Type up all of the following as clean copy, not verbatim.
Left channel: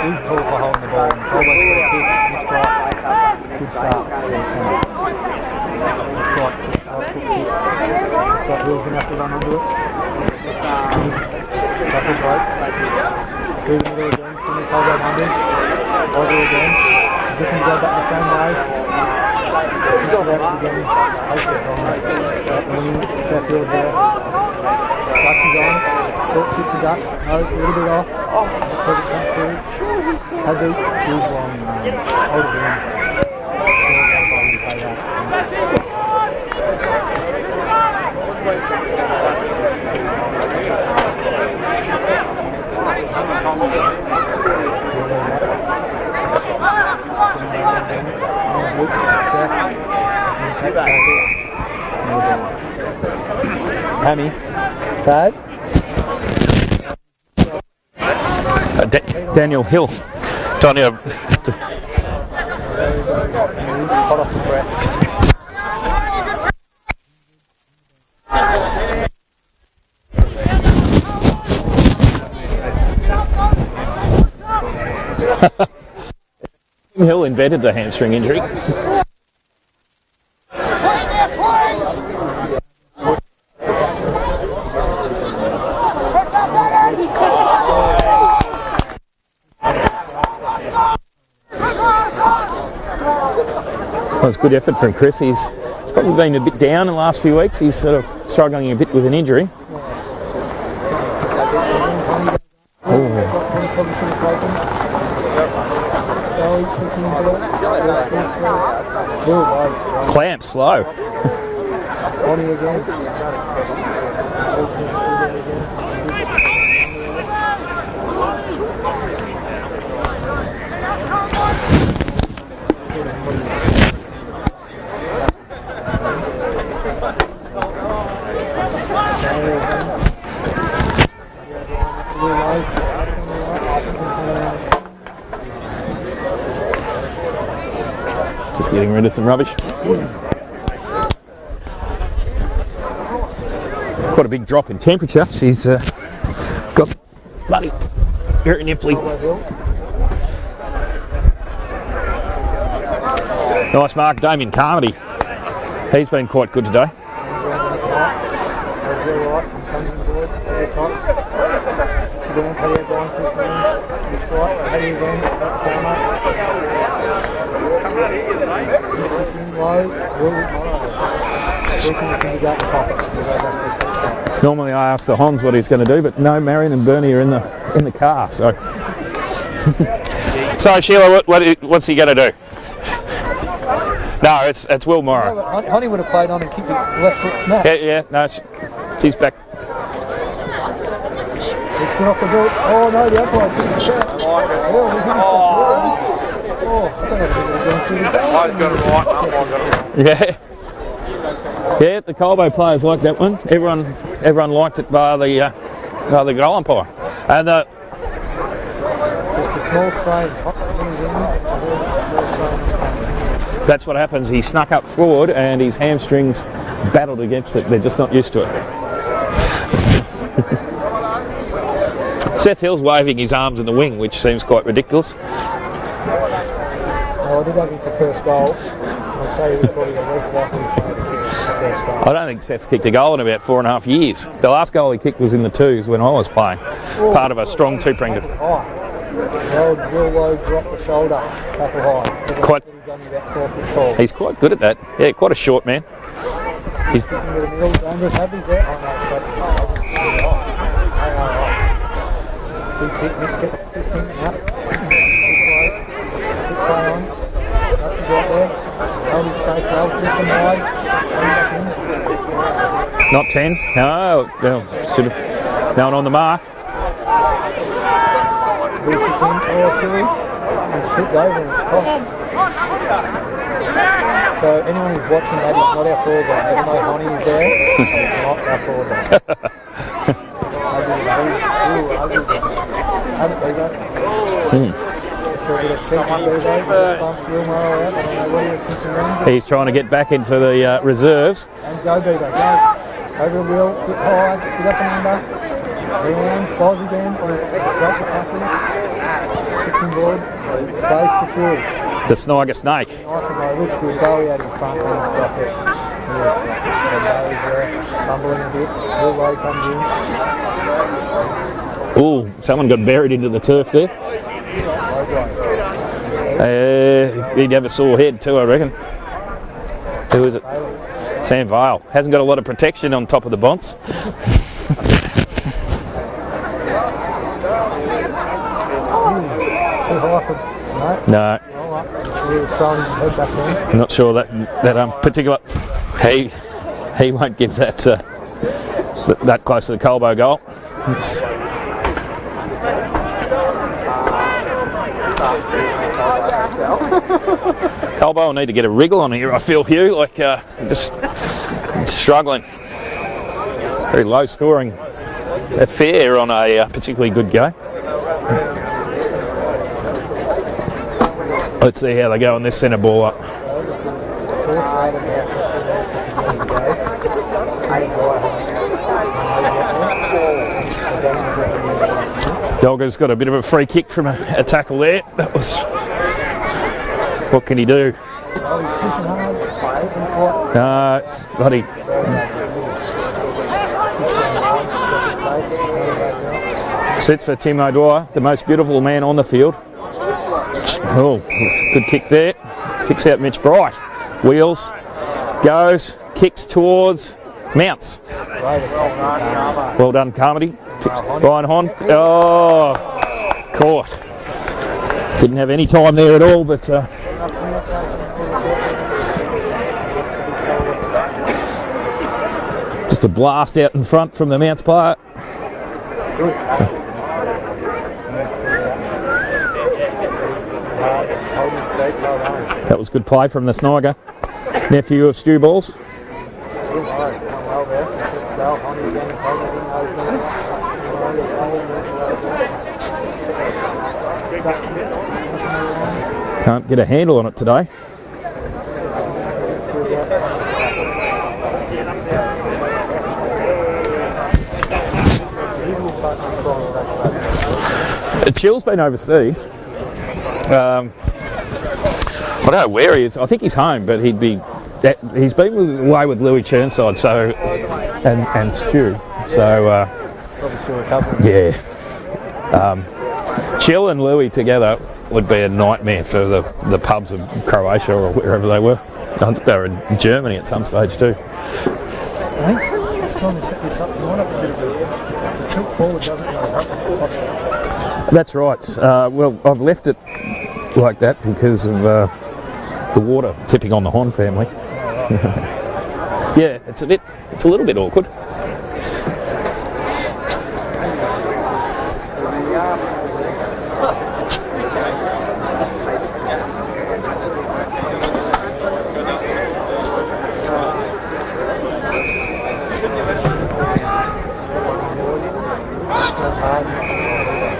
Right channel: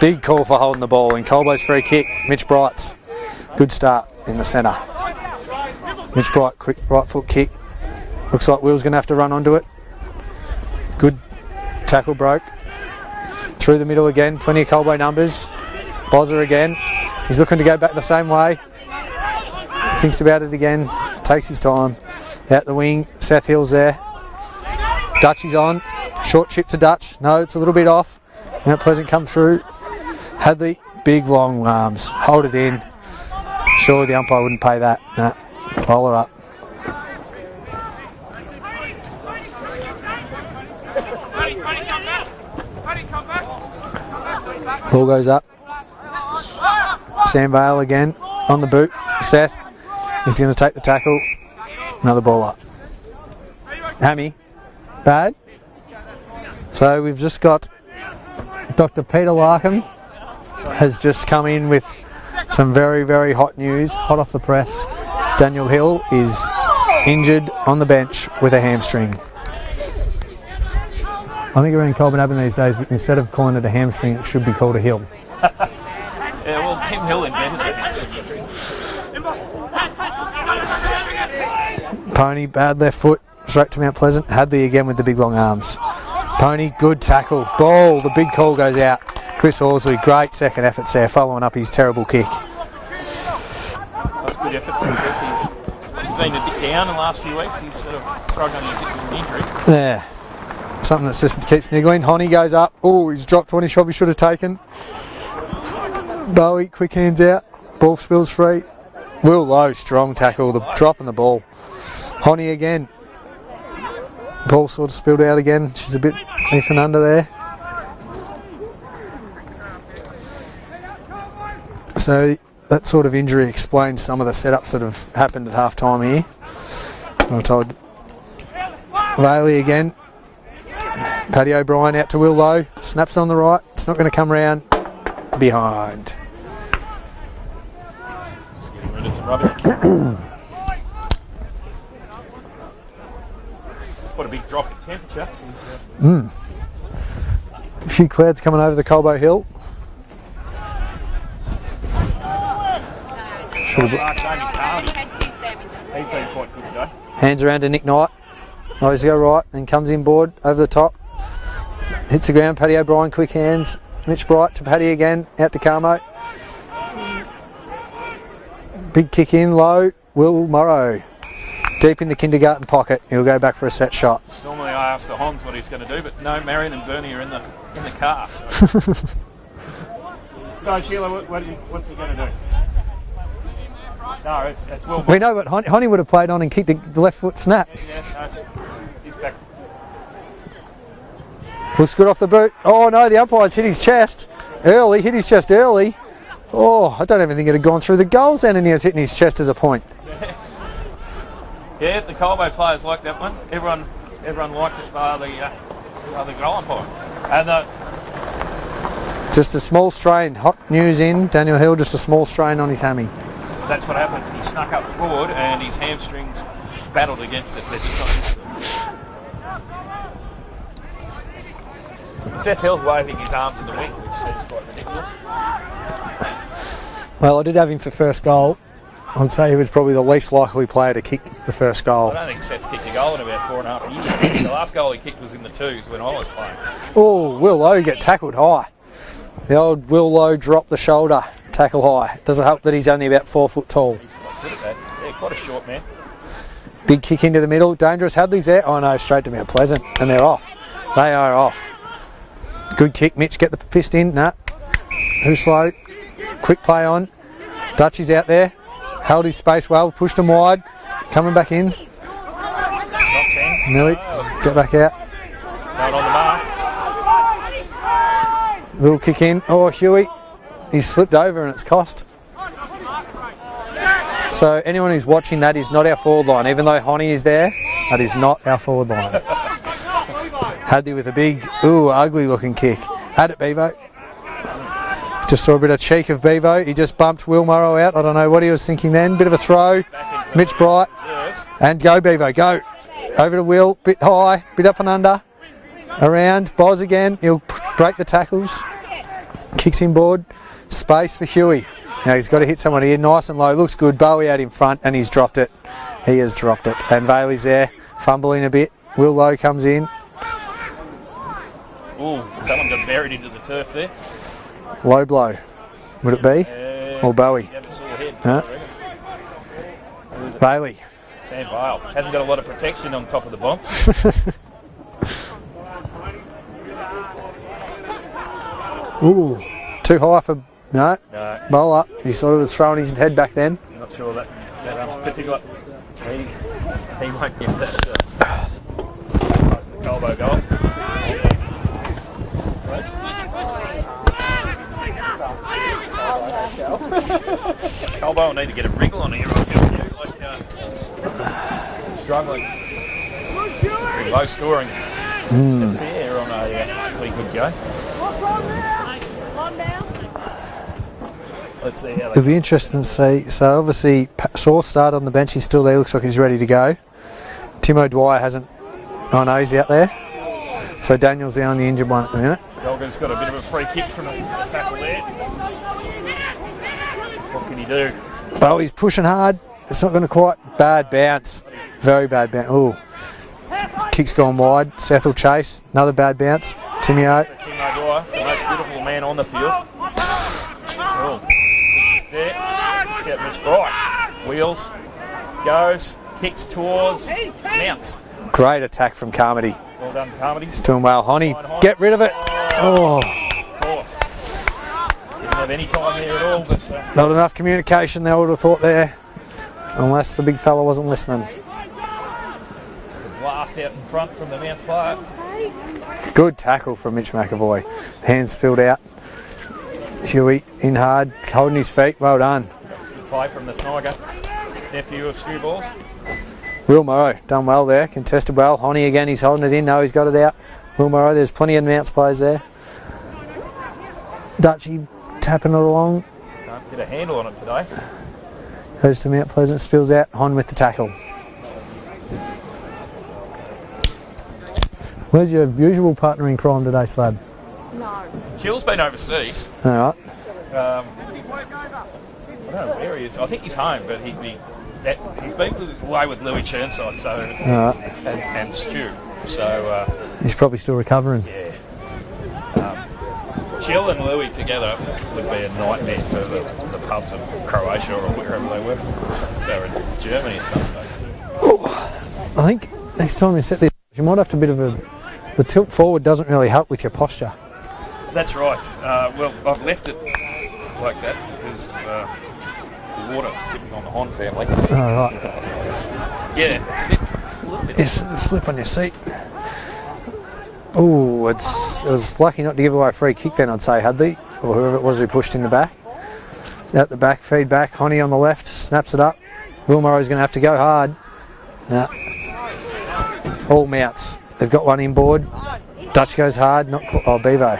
Big call for holding the ball in Colbo's free kick. Mitch Bright's good start in the centre. Mitch Bright, quick right foot kick. Looks like Will's going to have to run onto it. Good tackle broke. Through the middle again, plenty of Colbo numbers. Bozza again. He's looking to go back the same way. Thinks about it again. Takes his time. Out the wing, South Hill's there. Dutch is on. Short chip to Dutch. No, it's a little bit off. Mount Pleasant come through. Had the big long arms. Hold it in. Surely the umpire wouldn't pay that. No. Roll it up. Ball goes up. Sam Bale again on the boot. Seth is going to take the tackle. Another ball up. Hammy. Bad. So we've just got Dr. Peter Daniel Larkham Hill. has just come in with some very, very hot news, hot off the press. Daniel Hill is injured on the bench with a hamstring. I think around Copenhagen these days, instead of calling it a hamstring, it should be called a hill. Yeah, well, Tim Hill invented the hamstring injury. Pony, bad left foot, straight to Mount Pleasant. Hadley again with the big long arms. Pony, good tackle. Ball, the big call goes out. Chris Horsley, great second effort there, following up his terrible kick. Well, it's good effort from Chris. He's probably been a bit down in the last few weeks. He's sort of struggling a bit with an injury. Yeah, something that just keeps niggling. Honey goes up. Oh, he's dropped one he probably should have taken. Bowie, quick hands out. Ball spills free. Real low, strong tackle. Dropping the ball. Honey again. Ball sort of spilled out again. She's a bit if and under there. So that sort of injury explains some of the setups that have happened at half time here. I'm told. Riley again. Paddy O'Brien out to Will Lowe. Snaps on the right. It's not going to come round. Behind. Just getting rid of some rubbish. Quite a big drop in temperature. She's got bloody a few clouds coming over the Colbo Hill. Nice mark, Damien Carmody. He's been quite good today. Hands around to Nick Knight. Goes the right and comes inboard over the top. Hits the ground. Paddy O'Brien, quick hands. Mitch Bright to Paddy again. Out to Carmo. Big kick in low. Will Morrow. Deep in the kindergarten pocket. He'll go back for a set shot. Normally I ask the Hons what he's going to do, but no, Marion and Bernie are in the car. So, so Sheila, what's he going to do? No, it's Will Morrow. We know what Honey would have played on and kicked the left foot snap. Yeah, no, she's back. Looks good off the boot. Oh no, the umpire's hit his chest early. Hit his chest early. Oh, I don't even think it had gone through the goals and he has hit his chest as a point. Yeah. Yeah, the Colbo players liked that one. Everyone liked it by the goal umpire. And just a small strain. Hot news in. Daniel Hill, just a small strain on his hammy. That's what happens. He snuck up forward and his hamstrings battled against it. They're just not used to it. Seth Hill's waving his arms in the wing, which seems quite ridiculous. Well, I did have him for first goal. I'd say he was probably the least likely player to kick the first goal. I don't think Seth's kicked a goal in about 4.5 years. The last goal he kicked was in the twos when I was playing. Ooh, part of a Will strong Lowe got tackled high. The old Will Lowe dropped the shoulder, tackle high. Doesn't help that he's only about 4 foot tall. He's quite good at that. Yeah, quite a short man. Big kick into the middle, dangerous. Hadley's there. Oh no, straight to Mount Pleasant, and they're off. They are off. Good kick, Mitch. Get the fist in. Nah. Too slow. Quick play on. Dutch is out there. Held his space well. Pushed him wide. Coming back in. Not 10. No. Get back out. Should have known on the mark. Little kick in. Oh, Huey. He's slipped over and it's cost. So anyone who's watching that is not our forward line. Even though Honey is there, that is not our forward line. Hadley with a big, ugly looking kick. Had it, Bevo. Just saw a bit of cheek of Bevo. He just bumped Will Morrow out. I don't know what he was thinking then. Bit of a throw. He's trying to get back into the reserves. And go, Bevo, go. Over to Will, bit high, bit up and under. Around, Boz again. He'll break the tackles. Kicks inboard. Space for Huey. Now he's got to hit someone here. Nice and low. Looks good. Bowie out in front and he's dropped it. He has dropped it. And Bailey's there, fumbling a bit. Will Lowe comes in. Oh, someone got buried into the turf there. Low blow. Would it be? Or Bowie? He'd have a sore head too, I reckon. Who is it? Bailey. Sam Vale. Hasn't got a lot of protection on top of the bonds. Ooh, too high for... No. Roll up. You saw he was throwing his head back then. I'm not sure that particular... He won't give that that close to the Colbo goal. Colbo will need to get a wriggle on here, I feel, Hugh, like just struggling. Very low scoring affair on a particularly good game. Let's see how they go on this centre ball. So obviously Shaw started on the bench, he's still there, looks like he's ready to go. Tim O'Dwyer hasn't, oh no, he's out there. So Daniel's down on the injured one at the minute. Dogger's got a bit of a free kick from a tackle there. That was, what can he do? Bowie's pushing hard, it's not going to quite, bad bounce. Bloody. Very bad bounce. Ooh. Kick's gone wide, Seth will chase, another bad bounce. Sits for Tim O'Dwyer, the most beautiful man on the field. Oh, good kick there. Kicks out Mitch Bright. Wheels, goes, kicks towards, mounts. Great attack from Carmody. Well done, Carmody. He's doing well. Hon. Get rid of it. Caught. Didn't have any time there at all, but... Not enough communication, they would have thought there. Unless the big fella wasn't listening. Just a blast out in front from the Mounts player. Good tackle from Mitch McAvoy. Hands filled out. Chewy in hard, holding his feet, well done. That was good play from the Sniger. Nephew of Stu Balls. Will Morrow, done well there, contested well. Honey again, he's holding it in, no, he's got it out. Will Morrow, there's plenty of Mounts plays there. Dutchy tapping it along. Can't get a handle on it today. Goes to Mount Pleasant, spills out, Hon with the tackle. Who's your usual partner in crime today, Slab? Chill's been overseas. All right. I don't know where he is. I think he's home, but he's been away with Louis Churnside, so and Stu. So he's probably still recovering. Yeah. Chill and Louis together would be a nightmare for the pubs in Croatia or wherever they were. I think they were in Germany at some stage too. I think next time you set this up, you might have to a bit of the tilt forward doesn't really help with your posture. That's right. Well, I've left it like that because of the water tipping on the Hon family. Oh, right. Yeah, it's a little bit awkward. Slip on your seat. Ooh, it was lucky not to give away a free kick then, I'd say, Hubby, or whoever it was who pushed in the back. Out the back, feed back, Honey on the left, snaps it up. Will Murray's going to have to go hard. Yeah. All Mounts. They've got one inboard. Dutch goes hard, not put by Bevo.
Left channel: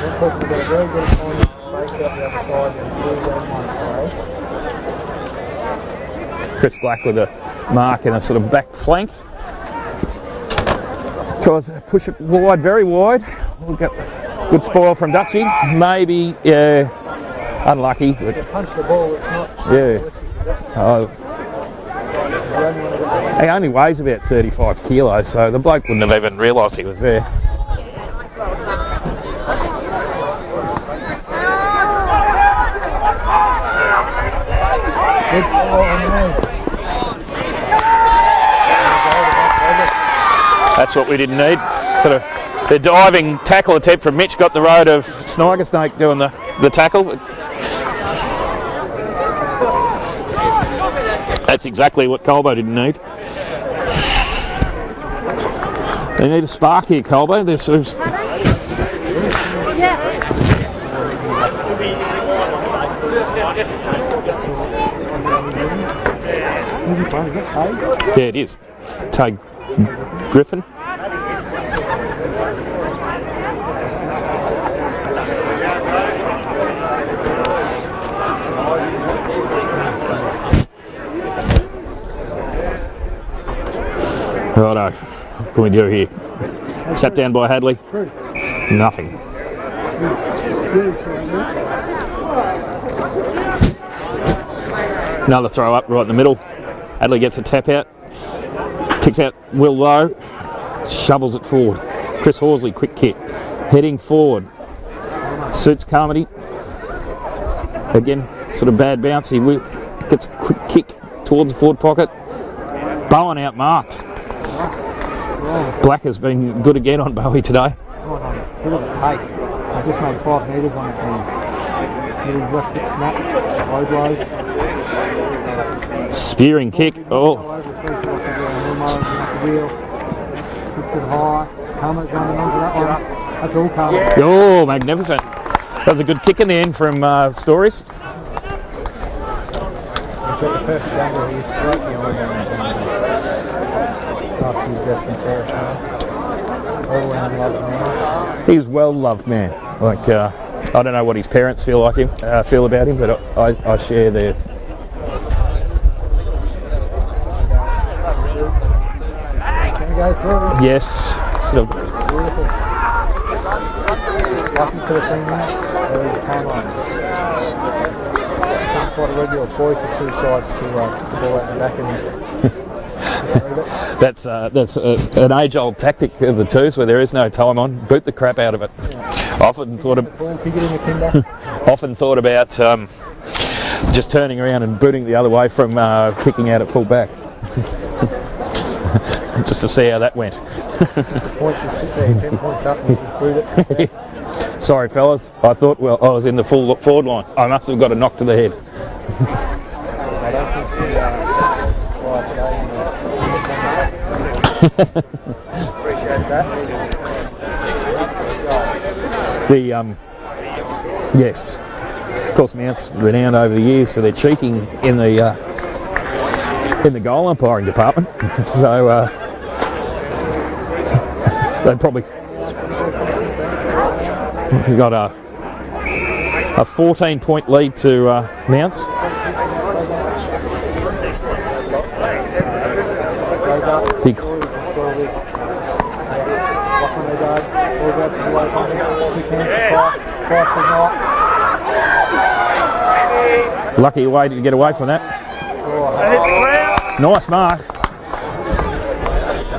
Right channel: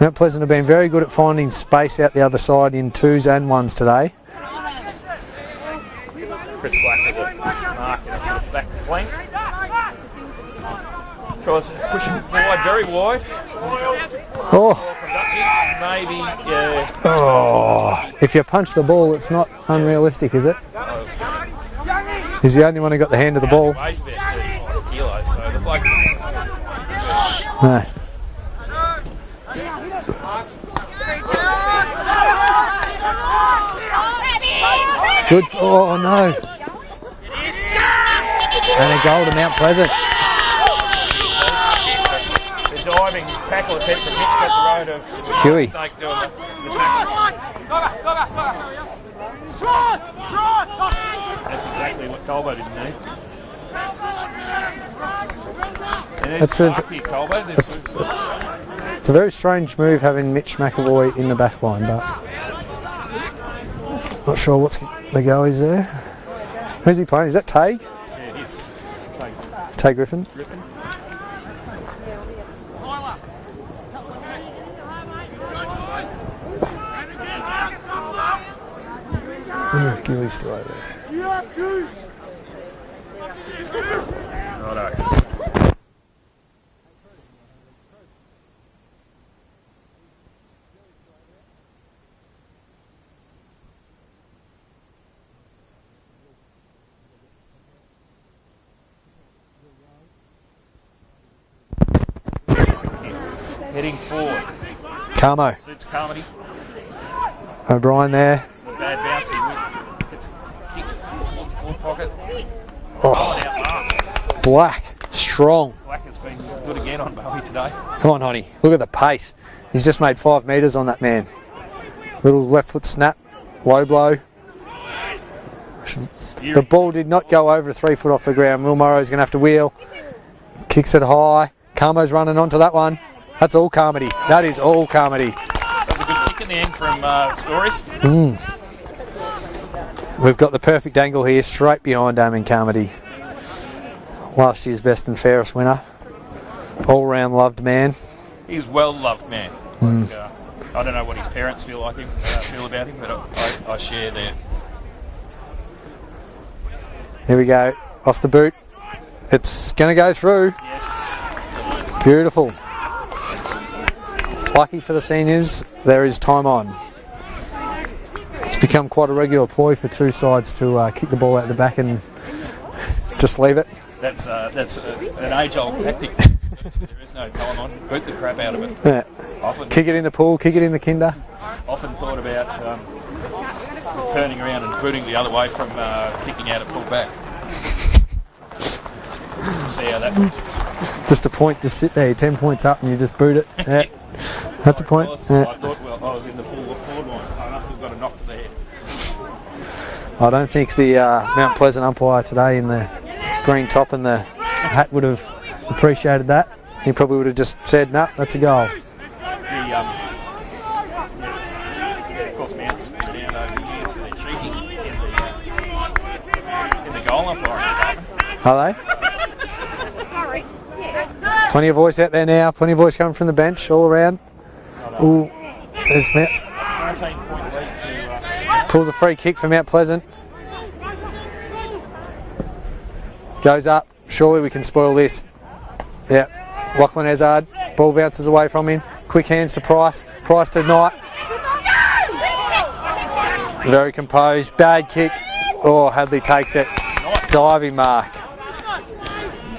Mount Pleasant have been very good at finding space out the other side in twos and ones today. Chris Black with a mark in a sort of back flank. Tries to push it wide, very wide. Good spoil from Dutchy. Maybe, yeah, unlucky. If you punch the ball, it's not unrealistic, is it? Oh. He's the only one who got the hand of the ball. He only weighs about 35 kilos, so the bloke wouldn't have even realised he was there. No. Good. Oh no. And a goal to Mount Pleasant. That's what we didn't need. Sort of the diving tackle attempt from Mitch got the road of Snider Snake doing the tackle. That's exactly what Colbo didn't need. They need a spark here, Colbo. It's a very strange move having Mitch McAvoy in the back line. Not sure what's the goalies there. Where's he playing? Is that Tay? Yeah, it is. Tay Griffin. Griffin. Righto. What do we do here? Sat down by Hadley. Nothing. Another throw up right in the middle. Hadley gets the tap out. Kicks out Will Lowe. Shovels it forward. Chris Horsley, quick kick. Heading forward. Carmo. Suits Carmody. O'Brien Again, there. sort of bad bounce. He gets a quick kick towards the forward pocket. Bowen out marked. Black. Strong. Black has been good again on Bowie today. Come on, Noddy. Look at the pace. He's just made 5 metres on that man. Little left foot snap. Low blow. Spearing The ball kick. did not go over 3 foot off the ground. Will Morrow's going to have to wheel. Kicks it high. Carmo's running onto that one. That's all Carmody. That is all magnificent. Carmody. That was a good kick in the end from Stories. We've got the perfect angle here, straight behind Damien Carmody. Last year's best and fairest winner. All-round loved man. He's well loved man. Like I don't know what his parents feel about him, but I share their. Here we go, off the boot. It's going to go through. Yes. Beautiful. Lucky for the seniors, there is time on. It's become quite a regular ploy for two sides to kick the ball out the back and just leave it. That's an age-old tactic of the twos where there is no time on. Boot the crap out of it. Yeah. Often Kick it in the pool, kick it in the kinder. Often thought about just turning around and booting the other way from kicking out at full back. Just to see how that went. Just a point, just sit there, 10 points up and you just boot it. Yeah. Sorry fellas, I thought I was in the full forward line. I must have got a knock to the head. I don't think the Mount Pleasant umpire today in the green top and the hat would have appreciated that. He probably would have just said, "No, that's a goal." Yes, of course, Mount's renowned over the years for their cheating in the goal umpiring department. Plenty of boys out there now. Plenty of boys coming from the bench all around. We got a 14-point lead to Mount. Pulls a free kick from Mount Pleasant. Goes up. Surely we can spoil this. Yeah. Lachlan Hazard. Ball bounces away from him. Quick hands to Price. Price to Knight. Lucky way to get away from that. Kick. Oh, Hadley takes it. Nice mark. Diving mark.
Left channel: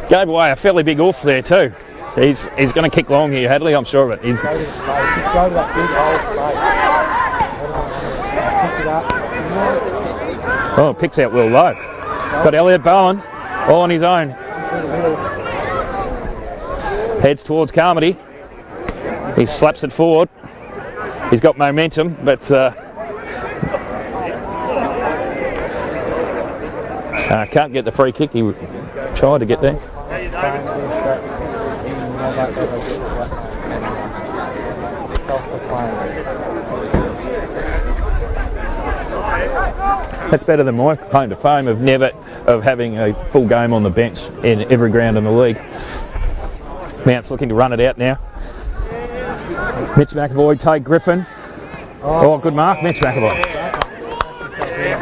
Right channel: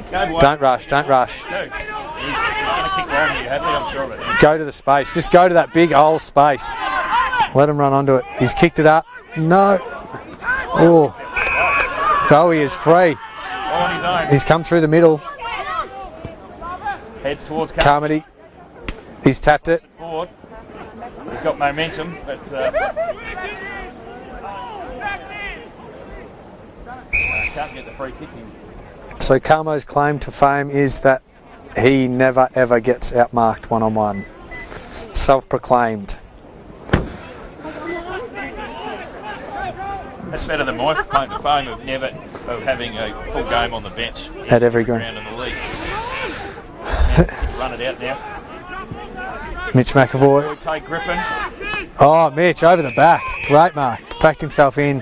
Gave away a fairly big don't oof there too. He's going to kick long here, Hadley, I'm sure of it. Go to the space. Just go to that big old space. Let him run onto it. He's kicked it up. No. Oh, picks out Will Lowe. Got Elliot Bowen all on his own. He's come through the middle. Heads towards Carmody. He slaps it forward. He's got momentum, but can't get the free kick. He tried to get there. Carmo's claim to fame is that he never ever gets outmarked one-on-one. Self-proclaimed. That's better than my claim to fame of having a full game on the bench in every ground in the league. Mount's looking to run it out now. Mitch McAvoy. Take Griffin. Oh, Mitch mark, over the back. Great mark. Backed himself in.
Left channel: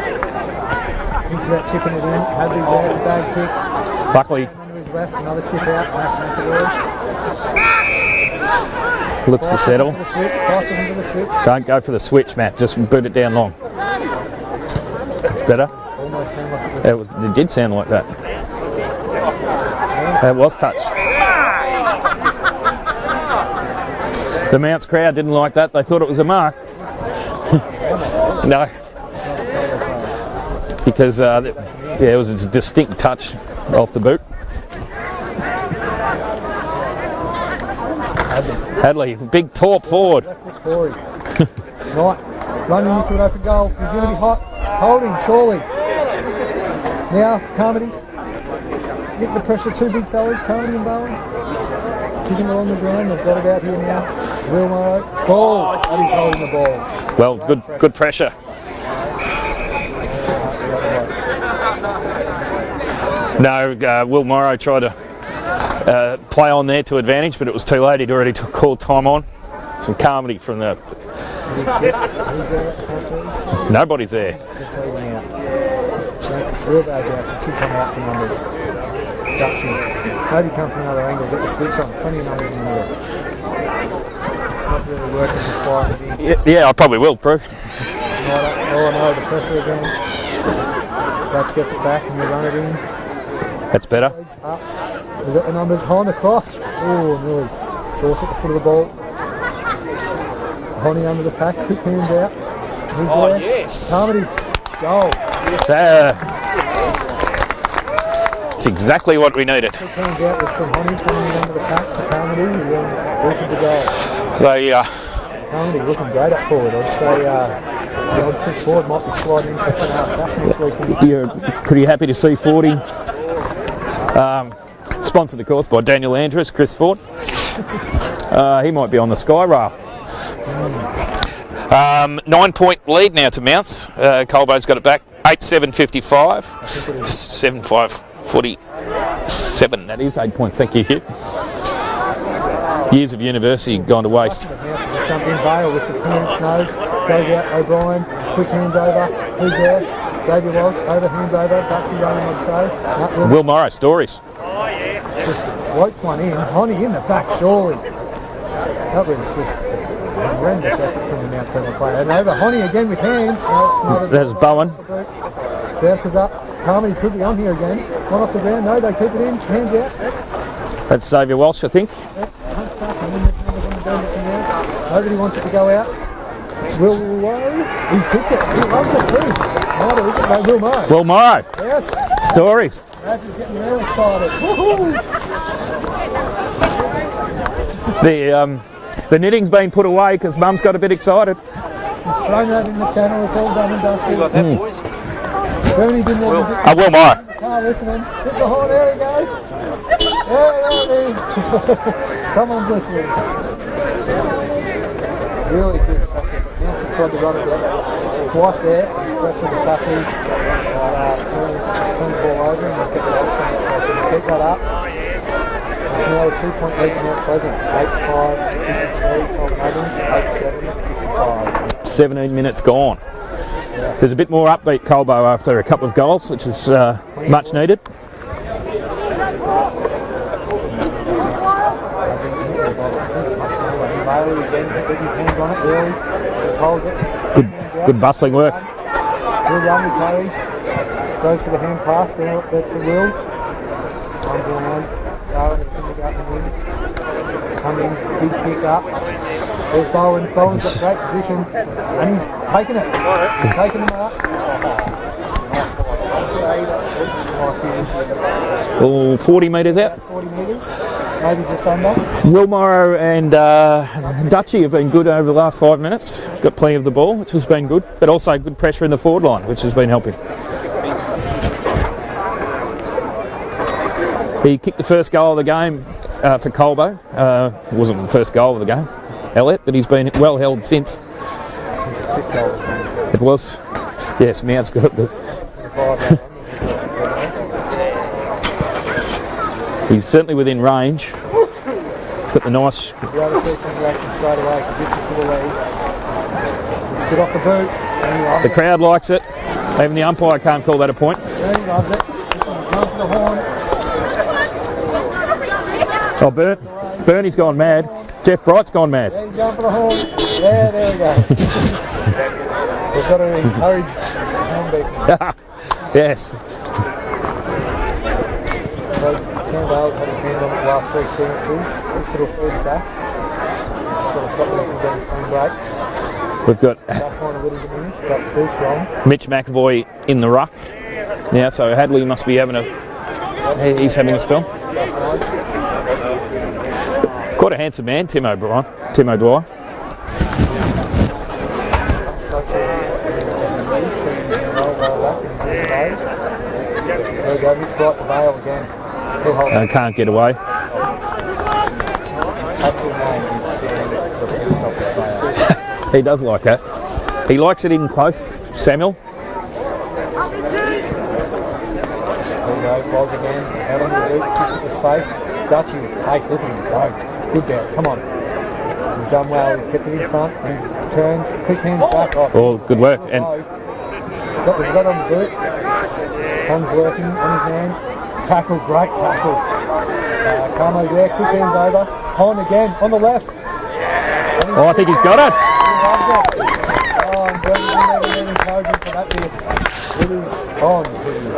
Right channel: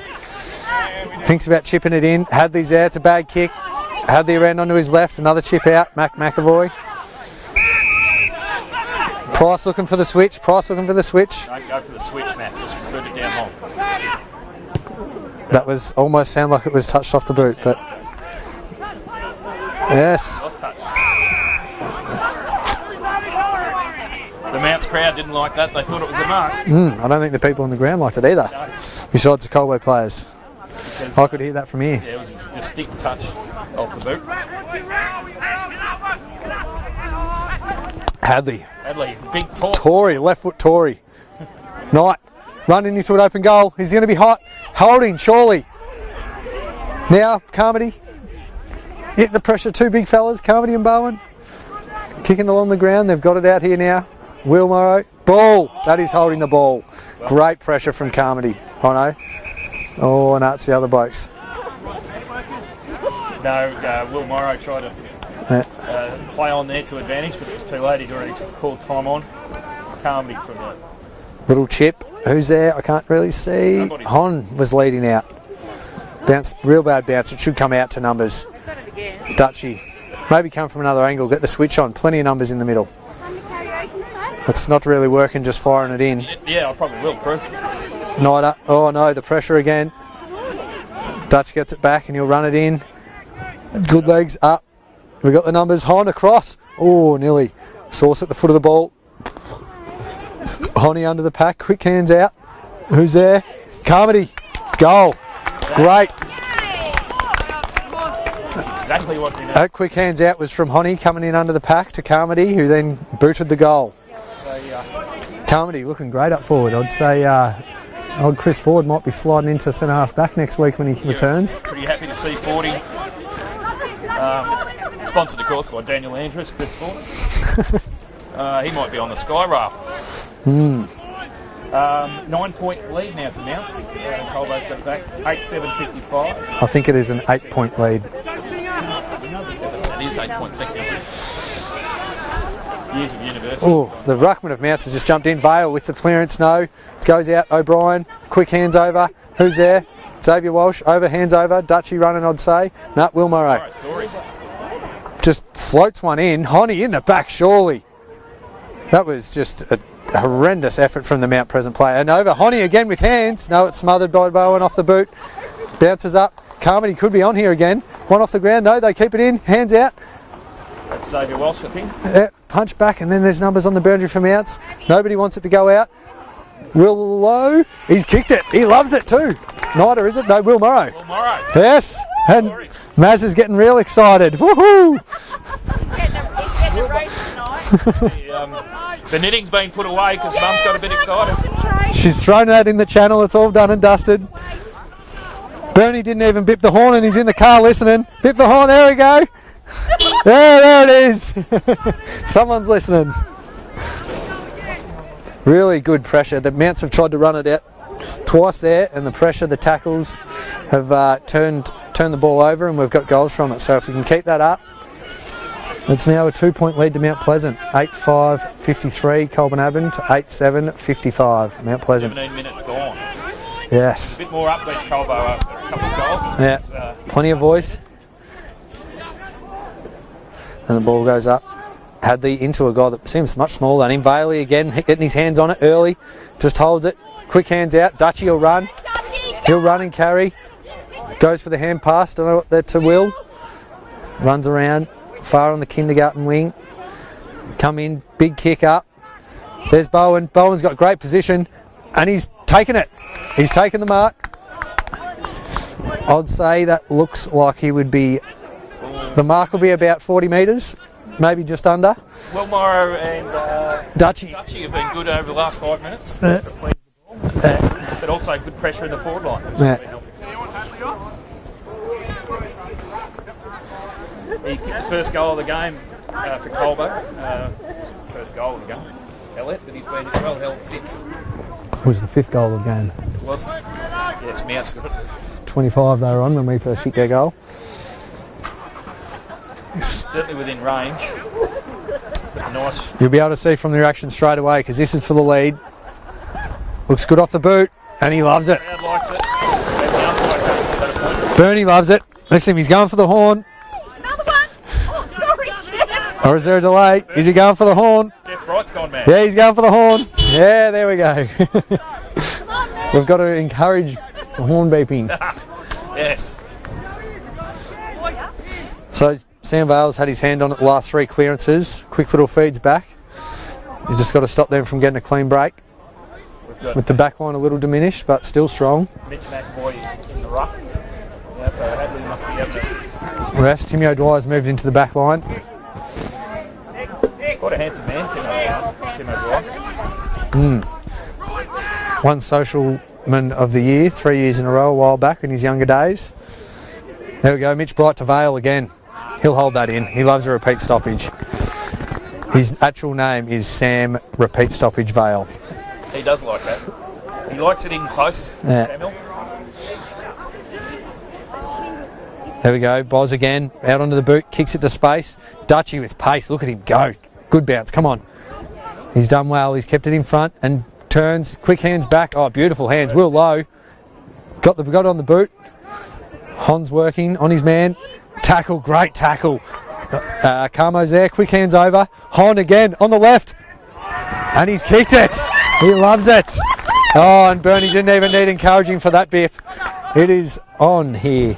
Thinks about chipping it in. Hadley's there. It's a bad kick. Hadley ran onto his left. Another chip out. McAvoy. Price looking for the switch. Price looking for the switch. Don't go for the switch, Matt. Just boot it down long. That was almost sound like it was touched off the boot. It did sound like that. Yes. It was touched. The Mounts crowd didn't like that. They thought it was a mark. I don't think the people on the ground liked it either. No. Besides the Colbo players. Because I could hear that from here. Yeah, it was a distinct touch off the boot. Hadley, big torque forward. Left foot Tory. Knight running into an open goal. He's going to be hot. Holding, surely. Now, Carmody. Hit the pressure. Two big fellas, Carmody and Bowen. Kicking along the ground. They've got it out here now. Will Morrow. Ball. That is holding the ball. Well, great pressure good from Carmody. I know. Oh, no, it's the other blokes. No, Will Morrow tried to play on there to advantage, but it was too late. He'd already called time on. Some Carmody from the little chip. Who's there? I can't really see. Nobody's there. Hon was leading out. Bounce, real bad bounce. It should come out to numbers. Dutchy. Maybe come from another angle. Get the switch on. Plenty of numbers in the middle. It's not really working, just firing it in. Yeah, I probably will, Proof. Snyder, oh no, the pressure again. Dutch gets it back and he'll run it in. That's Good better. legs up. We got the numbers. Hon across. Oh, nearly. Sauce at the foot of the ball. Honey under the pack. Quick hands out. Who's there? Yes. Carmody. Goal. Great. That's exactly what we That needed. quick hands out was from Honey coming in under the pack to Carmody, who then booted the goal. They, Carmody looking great up forward. I'd say old Chris Ford might be sliding into centre half back next week when he returns. Pretty happy to see 40. Sponsored, of course, by Daniel Andrews, Chris Ford. He might be on the sky rail. 9-point lead now to Mounts. Colbo's got it back. 8-7-55. I think it is an 8-point 7-5, lead. 47. That is 8 points. Thank you, Kip. Years of university Ooh, gone to the waste. ruckman of Mounts has just jumped in. Vale with the clearance, no. It goes out, O'Brien. Quick hands over. Who's there? Xavier Walsh. Over, hands over. Dutchy running, I'd say. No, Will Will Murray. Morrow, stories. Just floats one in. Honey in the back, surely. That was just a horrendous effort from the Mount Pleasant player. And over, Honey again with hands. No, it's smothered by There's Bowen Bowen. off the boot. Bounces up. Carmody could be on here again. One off the ground. No, they keep it in. Hands out. That's Xavier Walsh, I think. Yeah, punch back, and then there's numbers on the boundary from Mounts. Nobody wants it to go out. Will Lowe, he's kicked it. He loves it too. Neither is it? No, Will Morrow. Will Morrow. Yes. Stories. And Maz is getting real excited. Woohoo! The knitting's been put away because Mum's got a bit excited. She's thrown that in the channel. It's all done and dusted. Bernie didn't even bip the horn. He's in the car listening. Bip the horn. There we go. There it is. Someone's listening. Really good pressure. The Mounts have tried to run it out twice there, and the pressure, the tackles have turned the ball over, and we've got goals from it. So if we can keep that up, it's now a 2-point lead to Mount Pleasant. 8-5-53 Colburn Avenue to 8-7-55 Mount Pleasant. 17 minutes gone. Yes. There's a bit more upbeat Colbo after a couple of goals, which is plenty much of voice. needed. And the ball goes up. Had the Inter got seems much smaller than him. Bailey again getting his hands on it early. Just holds it. Quick hands out. good Dutch, bustling he'll work. run. He'll run and carry. Goes for the hand pass to Will. Runs around. Far on the kindergarten wing. Come in. Big kick up. There's Bowen. Bowen's got great position. And he's taken it. He's taken the mark. I'd say that looks like he would be... Oh, The 40 mark will be metres about out. 40 metres. Maybe just under. Will Morrow and Dutchy have been good over the last 5 minutes. Got plenty of the ball, which has been good, but also good pressure in the forward line, which has been helping. He kicked the first goal of the game for Colbo. It wasn't the first goal of the game, Elliot, but he's been well held since. It was the 5th goal of the game. It was. Yes, Mount's got the 25 they were on when we first hit their goal. He's certainly within range. He's got the nice. You'll be able to see from the reaction straight away because this is for the lead. Looks good off the boot and he loves The it. crowd likes it. Even the umpire can't call that a point. Bernie loves it. Next time he's going for the horn. Or is there a delay? Bernie's Is he going for the mad. horn? Jeff Bright's gone mad. Yeah, he's going for the horn. Yeah, there we go. We've got to encourage the horn beeping. Yes. So Sam Bales had his hand on it the last 3 clearances. Quick little feeds back. You just got to stop them from getting a clean break. We've got With the back line a little diminished, but still strong. Mitch McAvoy in the ruck now, so Hadley must be having a Rest, Tim He's having a O'Brien's spell. moved into the back line. quite a handsome man, Tim O'Brien. One socialman of the year, 3 years in a row, a while back in his younger days. There we go, Mitch Bright to Vale again. He'll hold that can't in. He get loves away. a repeat stoppage. His actual name is Sam Repeat Stoppage Vale. He does like that. He likes it in close, Yeah. Samuel. There we go, Boz again, out onto the boot, kicks it to space. Dutchy with pace, look at him go. Good bounce, come on. He's done well, he's kept it in front and turns, quick hands back. Oh, beautiful good hands, work. Will Lowe. Got on the boot. Hon's working on his man. Tackle, great tackle. Carmo's there, quick hands over. Hon again on the left. And he's I think kicked he's it. got it. He loves it. Oh, and Bernie didn't even need encouraging for that bit. It is on here.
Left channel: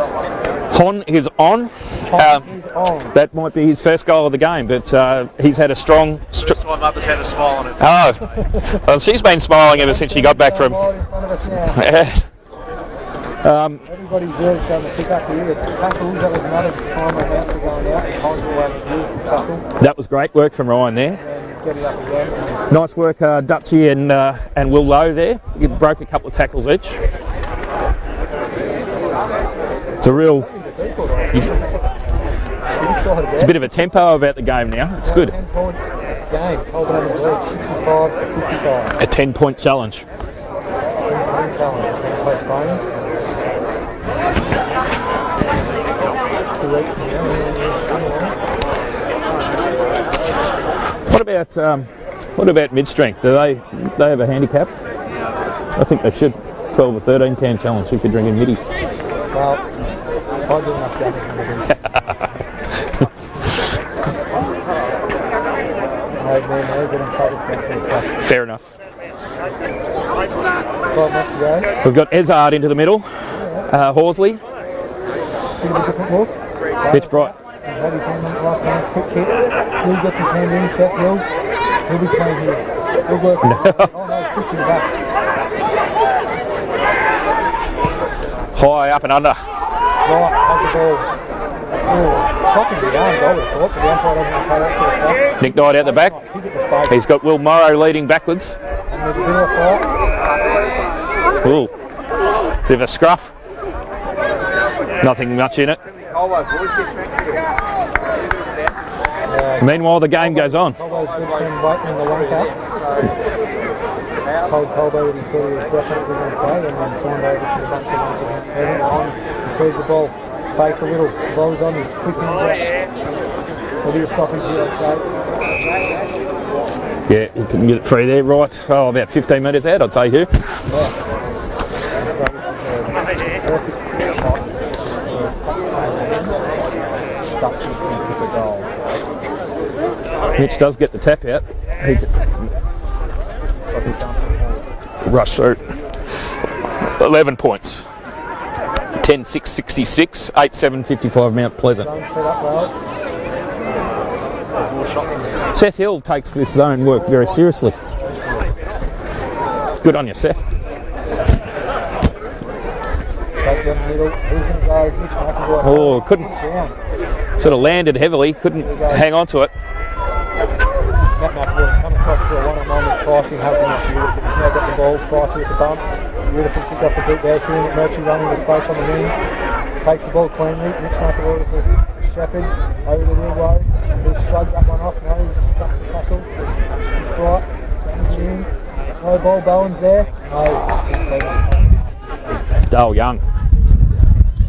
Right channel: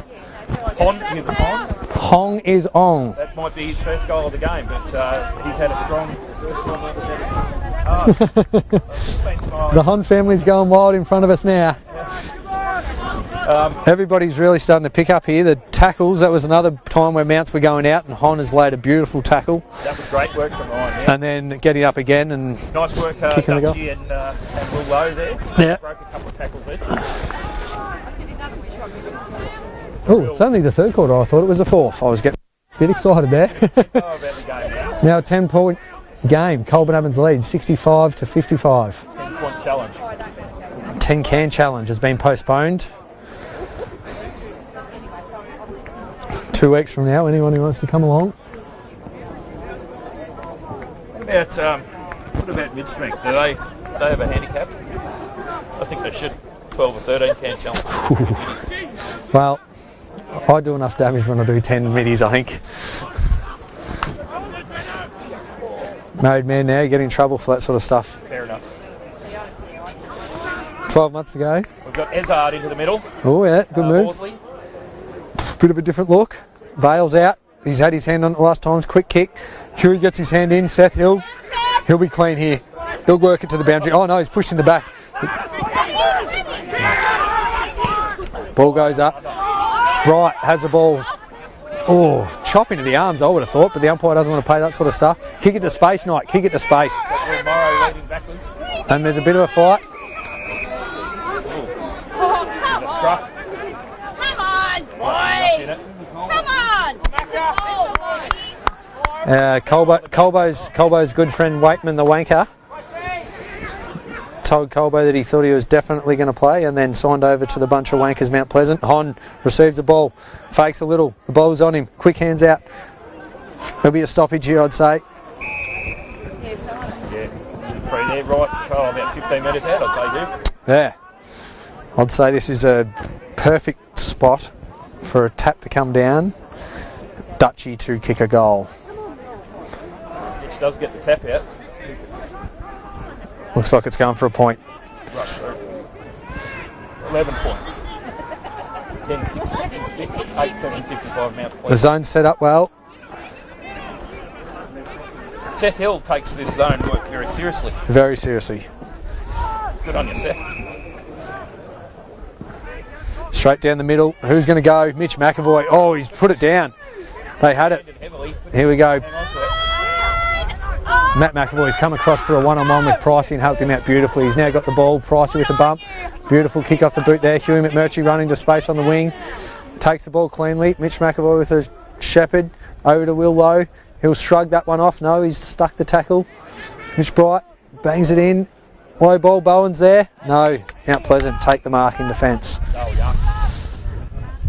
Hon is on. Hon is on. That might be his first goal of the game, but he's had a strong. My mother's had a smile on her face. Oh, well, she's been smiling ever since she got back going from. wild in front of us now. Everybody's really starting to pick up here. The tackles, that was another time where mounts were going out. Hon has laid a beautiful tackle. That was great work from Ryan there. And then getting up again. And Nice work, Dutchie and Will Lowe there. Yeah. Broke a couple of tackles each. It's It's only the third quarter. I thought it was the fourth. I was getting a bit excited there. It's a bit of a tempo about the game now. It's now good. a 10-point game. Colbo lead 65-55. A 10-point challenge. 10-can challenge has been postponed. 2 weeks from now, anyone who wants to come along. What about mid-strength? Do they have a handicap? I think they should. 12 or 13 can challenge. We could bring in middies. Well, I do enough damage when I do 10 middies, I think. Made man now get in trouble for that sort of stuff. Fair enough. 12 months ago. We've got Ezard into the middle. Oh yeah, good move. Horsley. Bit of a different look. Bale's Mitch out. He's had his hand on it the last times. Quick kick. Huey gets his hand in. Seth Hill. He'll be clean here. He'll work into the boundary. Oh no, he's pushed in the back. Ball High goes up and up. under. Right, has the ball. Oh, chopping to the arms, I would have thought, but the umpire doesn't want to play that sort of stuff. Kick it to Knight out the space, back. Knight. Kick it to space. He's got Will Morrow leading backwards. And there's a bit of a fight. Ooh. Bit of a scruff. Nothing much in it. Meanwhile, the game goes on. Colbo's good friend Waitman, the wanker, told Colbo that he thought he was definitely going to play and then signed over to the bunch of wankers Mount Pleasant. Hon receives the ball, fakes a little, the ball's on him, quick hands out. There'll be a stoppage here, I'd say. Yeah, we can get it through there, right? Oh, about 15 metres out, I'd say, Hugh. Yeah. I'd say this is a perfect spot for a tap to come down, Dutchie to kick a goal. Mitch does get the tap out. He Looks like it's going for a point. rush through. 11 points. 10-6-66, 8-7-55 Mount The Pleasant. zone's set up well. Seth Hill takes this zone work very seriously. Very seriously. Good on you, Seth. Straight down the middle. Who's going to go? Mitch McAvoy. Oh, Oh, he's put it down. Sort They of have it. landed heavily. Couldn't Here we go. hang on to it. Matt McAvoy's come across for a one-on-one with Pricey and helped him out beautifully. He's now got the ball. Pricey with the bump. Beautiful kick off the boot there. Huey McMurtry running into space on the wing. Takes the ball cleanly. Mitch McAvoy with a shepherd. Over to Will Lowe. He'll shrug that one off. No, he's stuck the tackle. Mitch Bright bangs it in. Low ball. Bowen's there. No. Mount Pleasant take the mark in defence. Dale Young.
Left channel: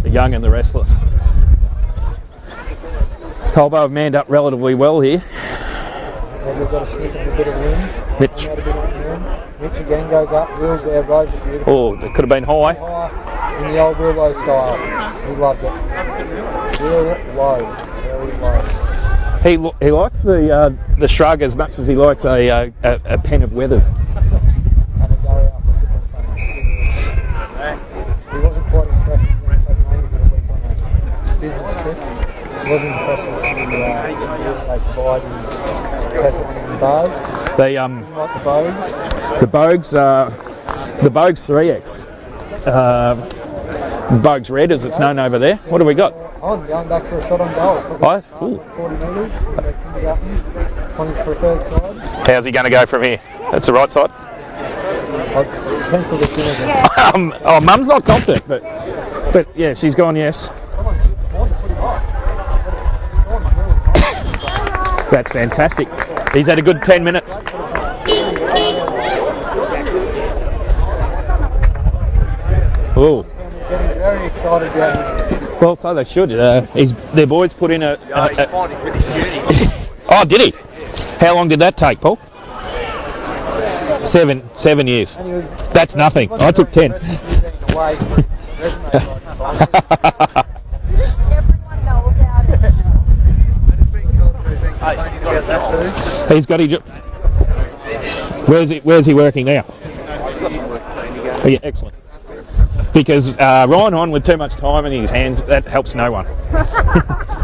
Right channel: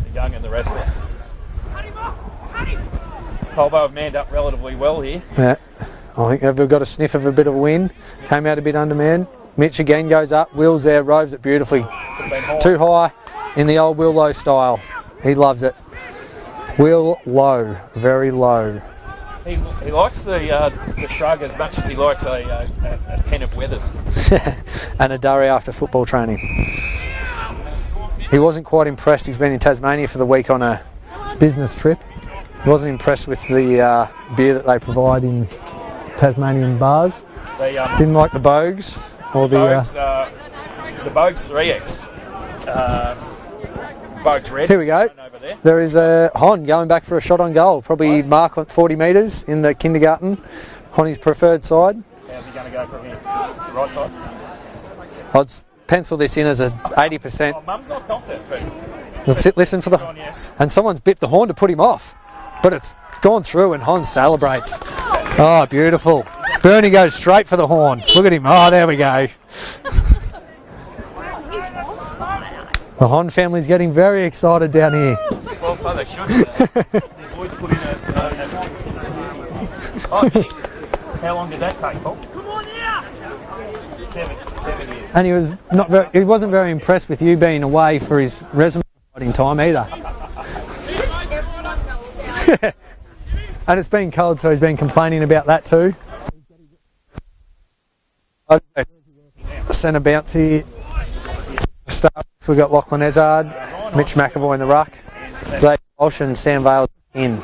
The young and the restless. Colbo have manned up relatively well here. Yeah. I think they've got a sniff of a bit of wind. Mitch. Came out a bit undermanned. Mitch again goes up. Will's there, roves it beautifully. Oh, it could have been high. Too high in the old Will Lowe style. He loves it. Will Lowe, very low. He likes the shrug as much as he likes a pen of Weathers. And a durry after football training. He wasn't quite impressed. He's been in Tasmania for the week on a business trip. Wasn't impressed with the beer that they provide in Tasmanian bars. They Didn't like the Bogues. the Bogues 3X. Bogues Red, Here as we it's go. known over there. There What do we is, got? Hon going back for a shot on goal. Probably Right. mark on 40 metres in the kindergarten on his preferred side. How's he going to go from here? That's the right side. I'd pencil this in as a 80%. Oh, Mum's not confident, but Listen yeah, to she's the- gone yes. And someone's bit the horn to put him off, but it's gone through and Hon celebrates. That's fantastic. Oh, beautiful. He's had a good Bernie 10 goes minutes. straight for the horn. Look at him. Oh, there we go. The Ooh. Hon family's getting very excited down here. Well, so they should. Their boys put in a oh, did he? How long did that take, Paul? 7 years. And he was That's nothing. He wasn't I took very 10. impressed with you being away for his resume writing time either. And it's been cold, so he's been complaining about that too. He's got his. Where's he working now? Centre bounce here. Oh, yeah, excellent. Start. We've got Lachlan Because Ezard, Ryan on Mitch with too McAvoy much in the time ruck. in his hands, that Blake helps no Rush one. and Sam Vale in.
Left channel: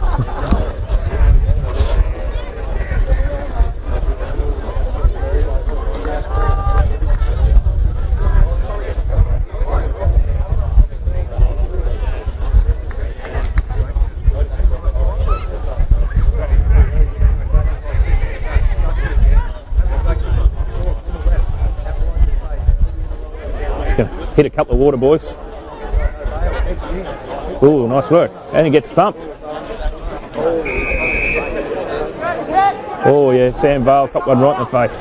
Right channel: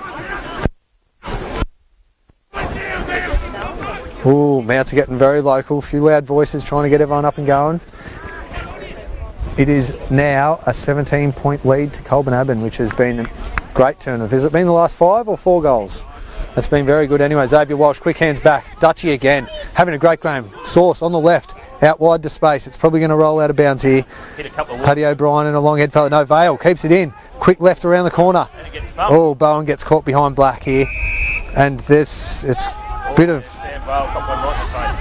Ooh, Mounts are getting very local. A few loud voices trying to get everyone up and going. It is now a 17-point lead to Colbo Abbon, which has been a great turnover. Has it been the last 5 or 4 goals? It's been very good anyway. Xavier Walsh, quick hands back. Dutchy again, having a great game. Sauce on the left, out wide to space. It's probably going to roll out of bounds here. Hit a couple of water Paddy boys. O'Brien and a long head fella. No, Vale keeps it in. Quick left Ooh, around nice the work. corner. And he gets thumped. Oh, Bowen gets caught behind Black here. And this, it's Yeah, Sam Vale got one right in the face.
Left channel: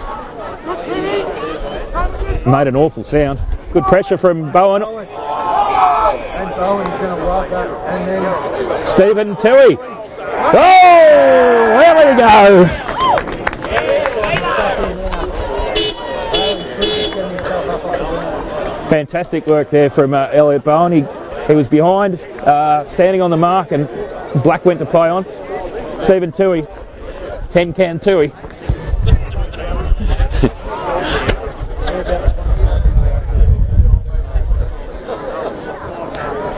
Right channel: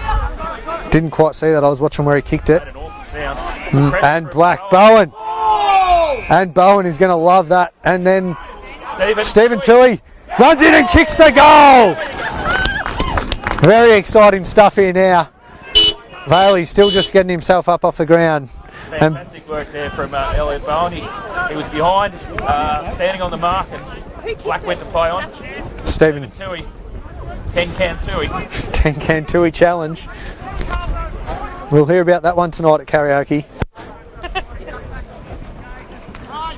didn't quite see that. I was watching where he kicked Made it. an awful sound. Good pressure And from Black, Bowen. And Bowen is going to love that. And then Stephen Tui runs in and kicks the goal. There we go. Very exciting stuff here now. Bailey still just getting himself up off the ground. Fantastic work there from Elliot Bowen. He was behind, standing on the mark, and Black went to play on. Stephen Tui, 10-can Tui. 10-can Tui challenge. We'll hear about that one tonight at karaoke.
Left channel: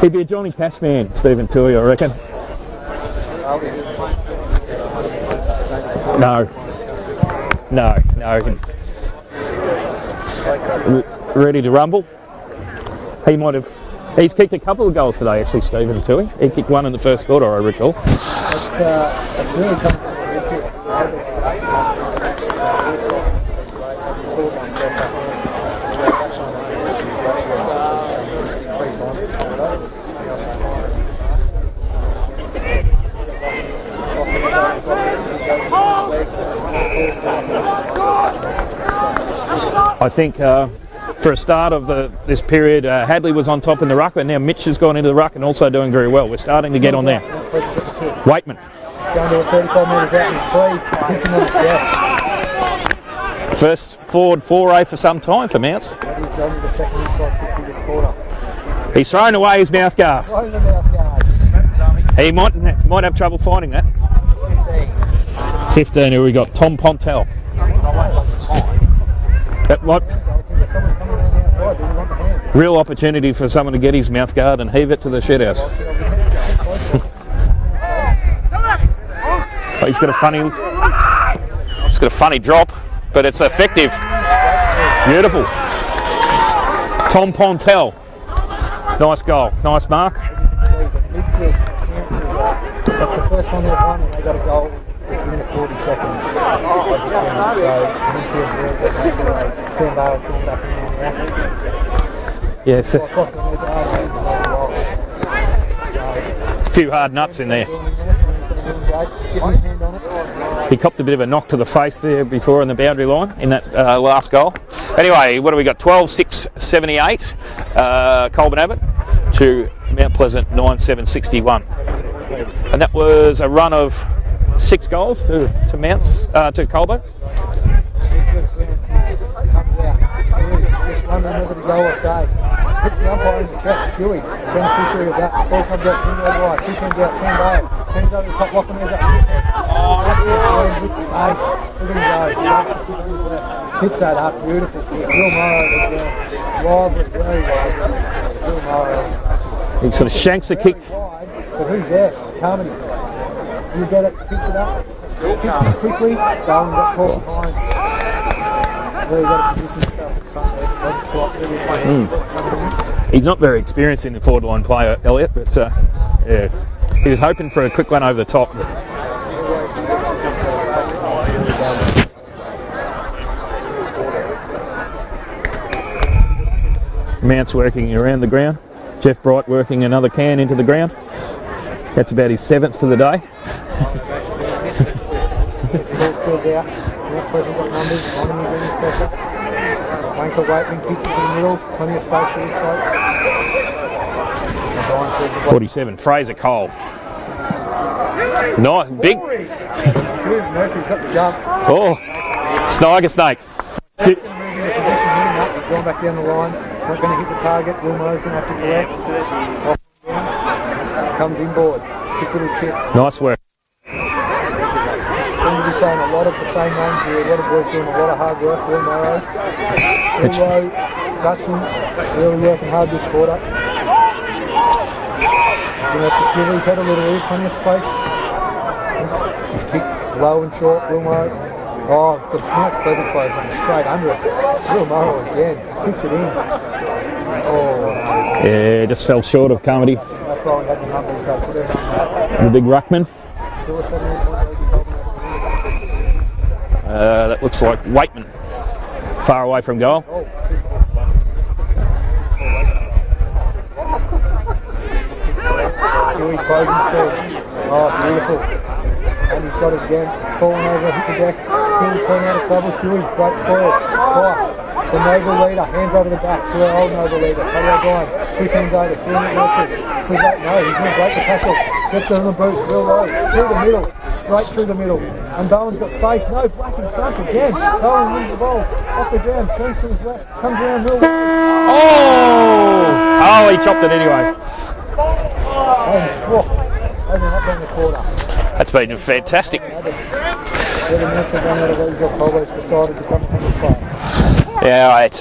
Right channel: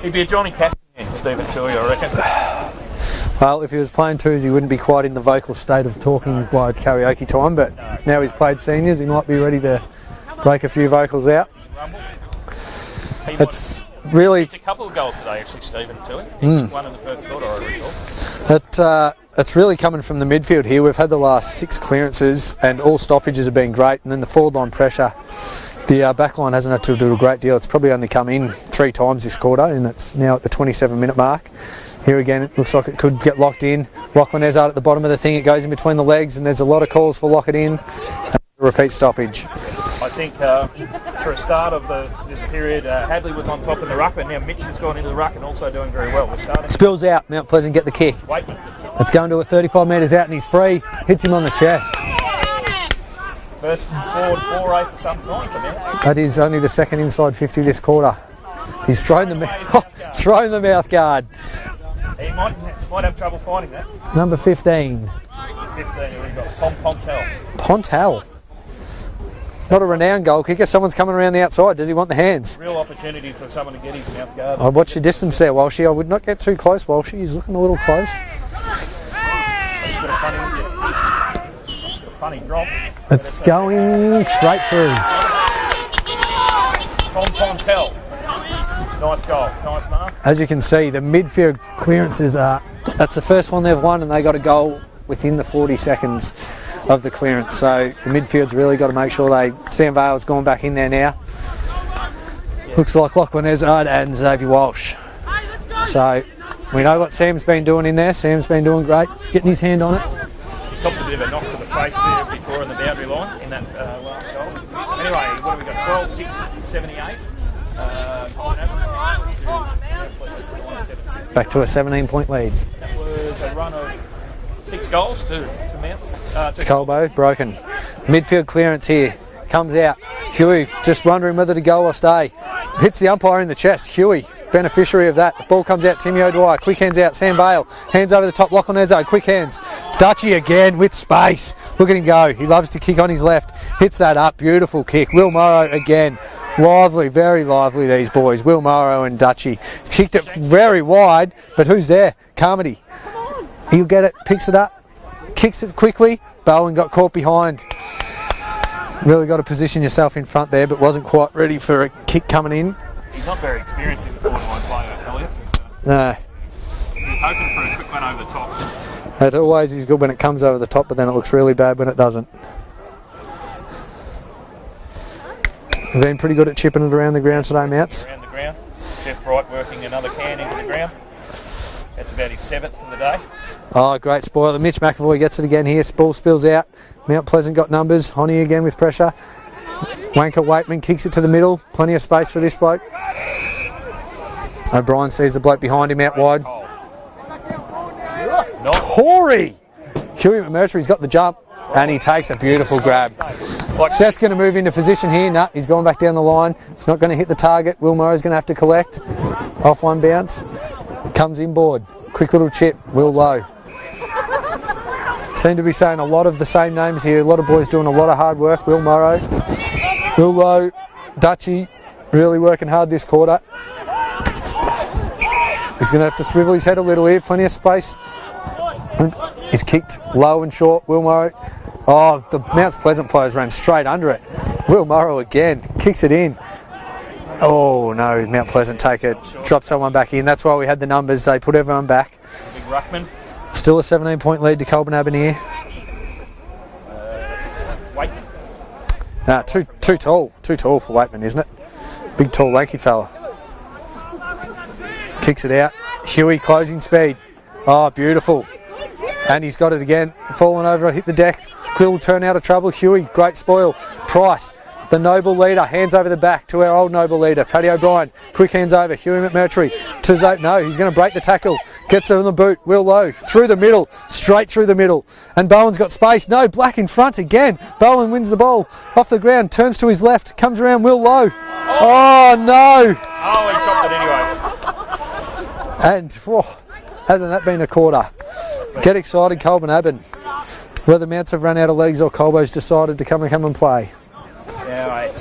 He'd be a Johnny Cash man, Stephen Tui, I reckon. Well, if he was playing twos, he wouldn't be quite in the vocal state of the tournament required karaoke time, but now he's played seniors, he might be ready to break a few vocals out. Ready to rumble. He might have. He's kicked a couple of goals today, actually, Stephen Tui. He kicked one in the first quarter, I recall. It's really coming from the midfield here. We've had the last 6 clearances, and all stoppages have been great, and then the forward-line pressure. The back line hasn't had to do a great deal. It's probably only come in 3 times this quarter, and it's now at the 27-minute mark. Here again, it looks like it could get locked in. Lachlan Ezard at the bottom of the thing, it goes in between the legs, and there's a lot of calls for lock it in. Repeat stoppage. I think for a start of this period, Hadley was on top in the ruck, but now Mitch has gone into the ruck and also doing very well. We're starting to get on out. there. Now Pleasant get the kick. Waitman. It's going to a 35 metres out, and he's free. Hits him on the chest. First forward foray for some time for Mounts. That is only the second inside 50 this quarter. He's thrown away his mouth guard. Thrown the mouth guard. He might have trouble finding that. Number 15. 15, here we got Tom Pontel. Pontel. Not a renowned goal kicker. Someone's coming around the outside. Does he want the hands? Real opportunity for someone to get his mouth guard and I'll watch heave your it to the distance there, shithouse. Walshy. I would not get too close, Walshy. He's looking a little close. But he's got a funny drop, but it's effective. Straight through. Beautiful. Tom Pontel. Nice goal. Nice mark. As you can see, the midfield clearances are, that's the first one they've won, and they got a goal within the 40 seconds of the clearance. So the midfield's really got to make sure Sam Bale's gone back in there now. Yeah, looks like Lachlan Ezard and Xavier Walsh. So you know what Sam's been doing in there. Sam's been doing great, getting his hand on it. He copped a bit of a knock to the face there before on the boundary line in that last goal. Anyway, what have we got? 12-6-78, Colbo Abbon to Mount Pleasant 9-7-61. Back to a 17-point lead. And that was a run of 6 goals to Mounts, to Colbo. Broken. Midfield clearance here. Comes out. Huey just wondering whether to go or stay. Hits the umpire in the chest. Huey, beneficiary of that. Ball comes out. Timmy O'Dwyer. Quick hands out. Sam Vale. Hands over the top. Lachlan Ezard. Quick hands. Dutchy again with space. Look at him go. He loves to kick on his left. Hits that up. Beautiful kick. Will Morrow again. Lively, very lively, these boys. Will Morrow and Dutchy. Kicked it very wide, but who's there? Carmody. He'll get it. Picks it up. Kicks it quickly. Bowen got caught behind. Really got to position yourself in front there, but wasn't quite ready for a kick coming in. He's not very experienced in the forward line play, Elliot, but No. yeah, he was hoping for a quick one over the top. It always is good when it comes over the top, but then it looks really bad when it doesn't. We've been pretty good at chipping it around the ground Mounts today, working Mounts. around the ground. Jeff Bright working another can into the ground. That's about his 7th for the day. Oh, great spoiler. Mitch McAvoy gets it again here. Ball spills out. Mount Pleasant got numbers. Honey again with pressure. Wanker Waitman kicks it to the middle. Plenty of space for this bloke. O'Brien sees the bloke behind him out Fraser wide. Cole. Nice. Corey! Nursery's got the jump. Oh. And he takes a beautiful Sniger grab. snake. Like Seth's going to move into position here. No, he's gone back down the line. He's not going to hit the target. Will Murray's going to have to collect. Off one bounce. Comes inboard. Quick little chip. Nice low. work. seem to be saying a lot of the same names here. A lot of boys doing a lot of hard work. Will Morrow, Will Lowe, Dutchy, really working hard this quarter. He's going to have to swivel his head a little here. Plenty of space. He's kicked low and short. Will Morrow. Oh, the Mount Pleasant players ran straight under it. Will Morrow again kicks it in. Oh no, Mount Pleasant take fell short. Dropped someone back in. That's why we had the numbers. They put everyone back. The big ruckman. Still a 17-point lead to Colbo here. That looks like Waitman. Far away from goal. Too tall for Waitman, isn't it? Big, tall, lanky fella. Kicks it out. Huey closing speed. Oh, beautiful. And he's got it again. Falling over, hit the deck. Phil turn out of trouble. Huey, great spoil. Price, the noble leader, hands over the back to our old noble leader. Paddy O'Brien, quick hands over. Huey McMurtry to Zate. No, he's going to break the tackle. Gets it on the boot. Will Lowe through the middle, straight through the middle. And Bowen's got space. No, Black in front again. Bowen wins the ball off the ground, turns to his left, comes around Will Lowe. Oh no! Oh, he chopped it anyway. And hasn't that been a quarter? That's been Get excited, fantastic. Colbo. Whether Mounts have run out of legs or Colbo's decided to come and play. Yeah, it's